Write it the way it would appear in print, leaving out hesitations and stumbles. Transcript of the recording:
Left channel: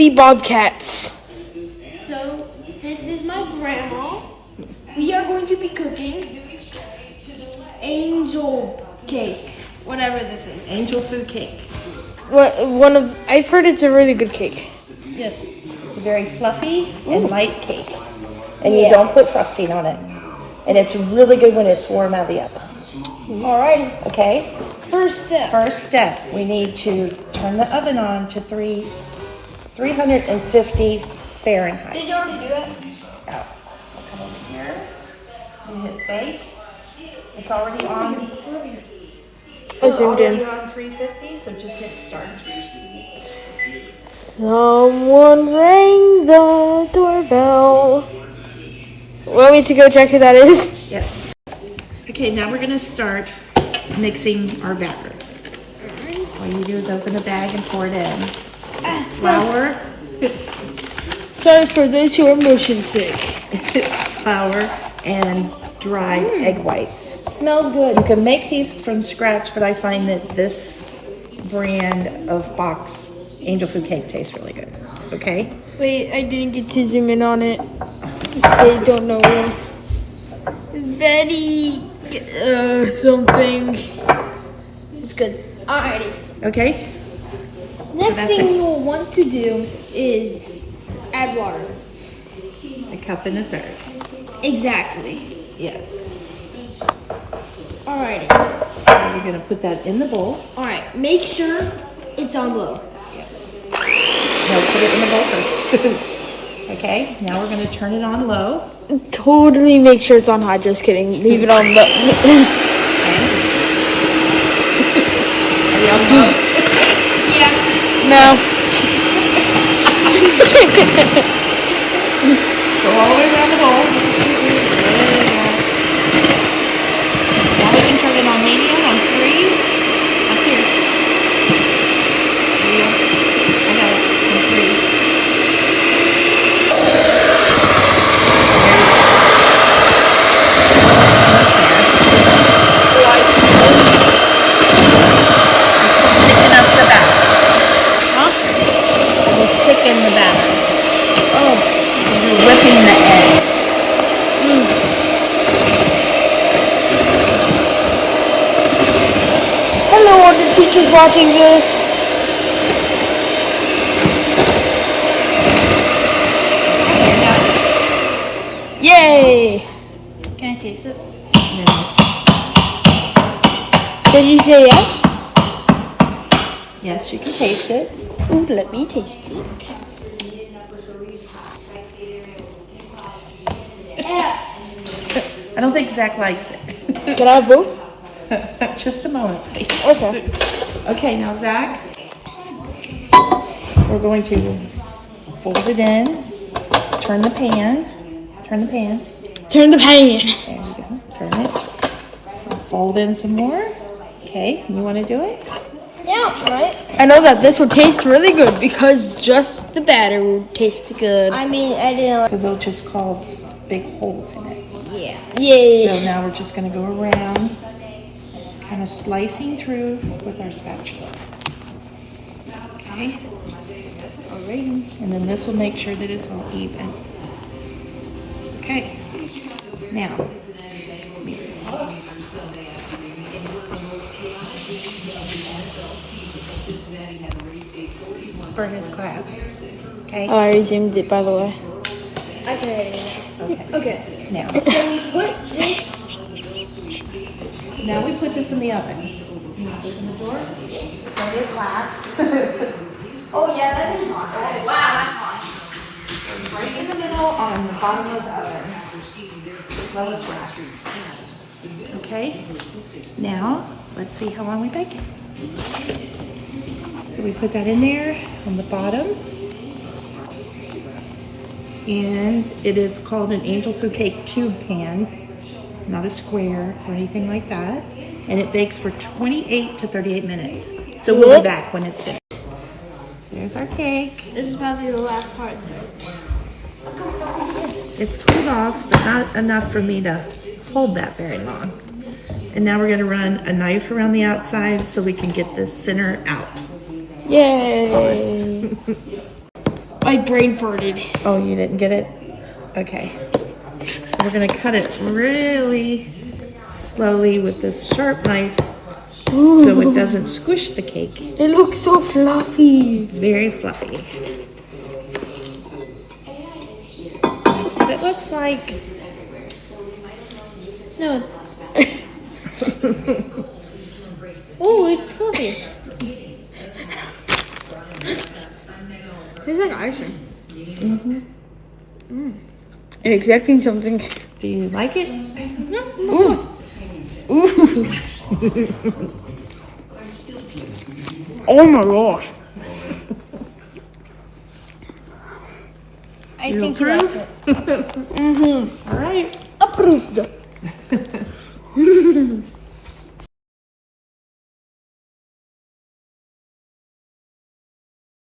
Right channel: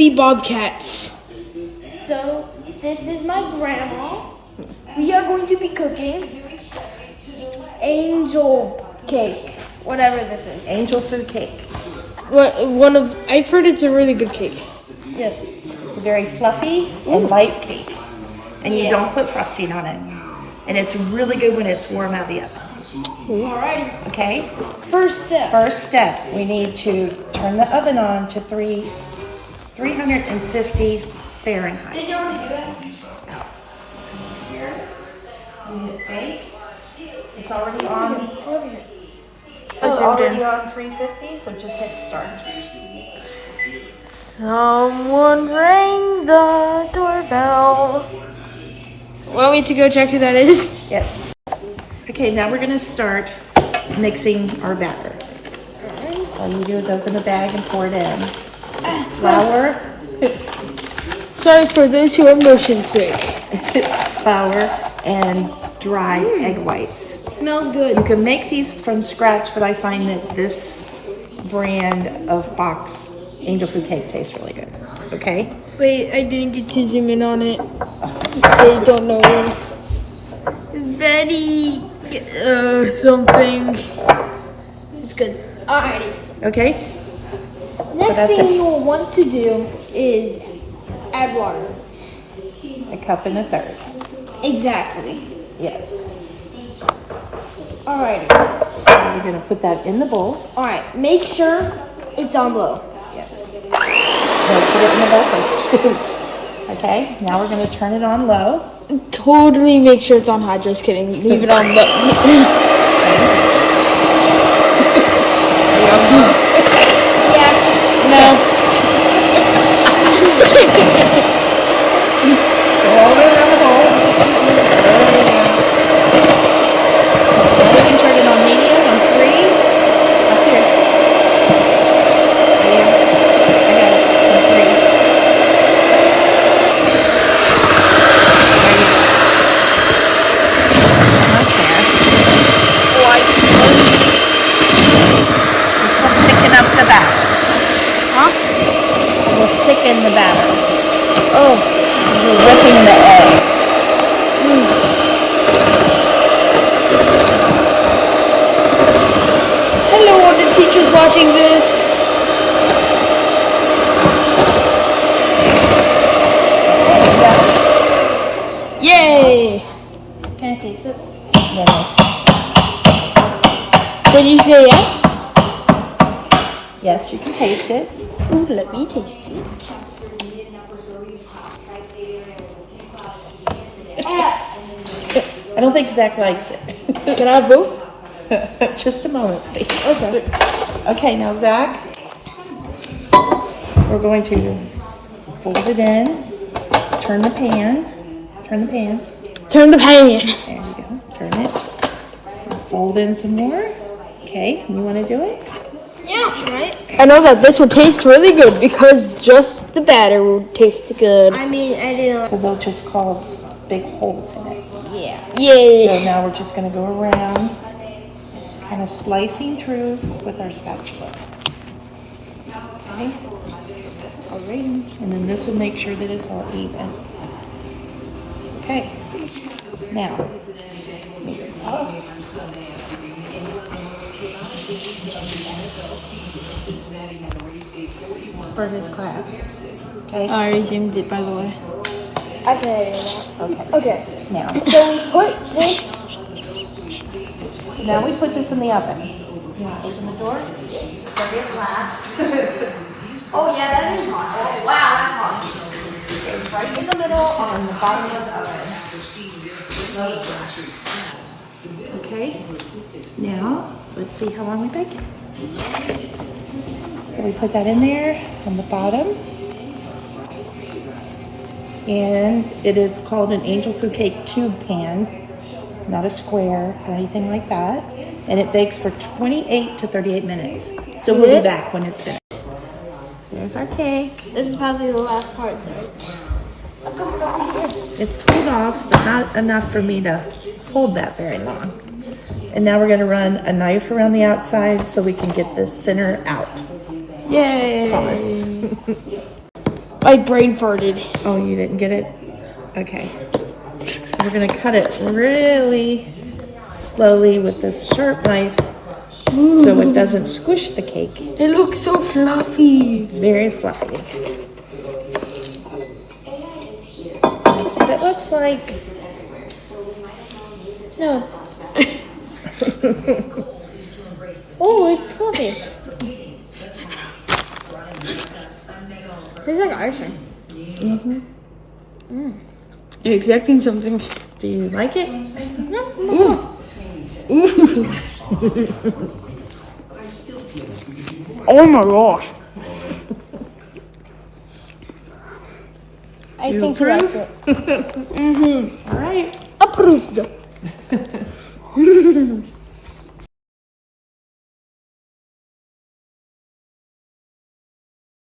chili bobcats. So, this is my grandma. We are going to be cooking angel cake, whatever this is. Angel food cake. I've heard it's a really good cake. Yes. It's a very fluffy and light cake. And you don't put frosting on it. And it's really good when it's warm out of the oven. Alrighty. Okay? First step. First step, we need to turn the oven on to 350 Fahrenheit. Did you already do that? Now, we'll come over here. We hit bake. It's already on. It's already on 350, so just hit start. Someone rang the doorbell. Want me to go check who that is? Yes. Okay, now we're going to start mixing our batter. All you do is open the bag and pour it in. It's flour. Sorry for those who are motion sick. It's flour and dried egg whites. Smells good. You can make these from scratch, but I find that this brand of box angel food cake tastes really good. Okay? Wait, I didn't get to zoom in on it. They don't know. Betty, something. It's good. Alrighty. Okay? Next that's thing it. you will want to do is add water. A cup and a third. Exactly. Yes. Alrighty. And you're going to put that in the bowl. Alright, make sure it's on low. Yes. We'll put it in the bowl first. Okay, now we're going to turn it on low. Totally make sure it's on high. Just kidding. Leave it on low. Yeah. No. Roll it around the bowl. Now we can turn it on medium on 3. Up here. On 3. This will thicken up the batter. Huh? It will thicken the batter. Oh. You're whipping the egg. Hello, are the teachers watching this? Yay! Can I taste it? Yes. Did you say yes? Yes, you can taste it. Ooh, let me taste it. I don't think Zach likes it. Can I have both? Just a moment, please. Okay. Okay, now Zach, we're going to fold it in, turn the pan, Turn the pan. there you go, turn it, fold in some more. Okay, you want to do it? Yeah, I'll try it. I know that this will taste really good because just the batter will taste good. I mean, I didn't like. Because it'll just cause big holes in it. Yeah. Yay! So now we're just going to go around, kind of slicing through with our spatula. Okay. Alright. And then this will make sure that it's all even. Okay. Now, meet the top. For his class. Okay. I already zoomed it, by the way. I can edit it Okay. now. Okay. Now, So we put this. now we put this in the oven. You want to open the door? It's going to be a glass. Oh yeah, that is hot. Oh wow, that's hot. It's right in the middle on the bottom of the oven. Low flat. Okay, now let's see how long we bake it. So we put that in there on the bottom. And it is called an angel food cake tube pan, not a square or anything like that. And it bakes for 28 to 38 minutes. So we'll be back when it's finished. There's our cake. This is probably the last part. It's cooled off, but not enough for me to hold that very long. And now we're going to run a knife around the outside so we can get the center out. Yay! Pause. I brain farted. Oh, you didn't get it? Okay. So we're gonna cut it really slowly with this sharp knife so it doesn't squish the cake. It looks so fluffy. It's very fluffy. That's what it looks like. No. Oh, it's fluffy. Tastes like icing. You're expecting something. Do you like it? Ooh. Ooh. Oh my gosh. I think he likes it. All right. Approved.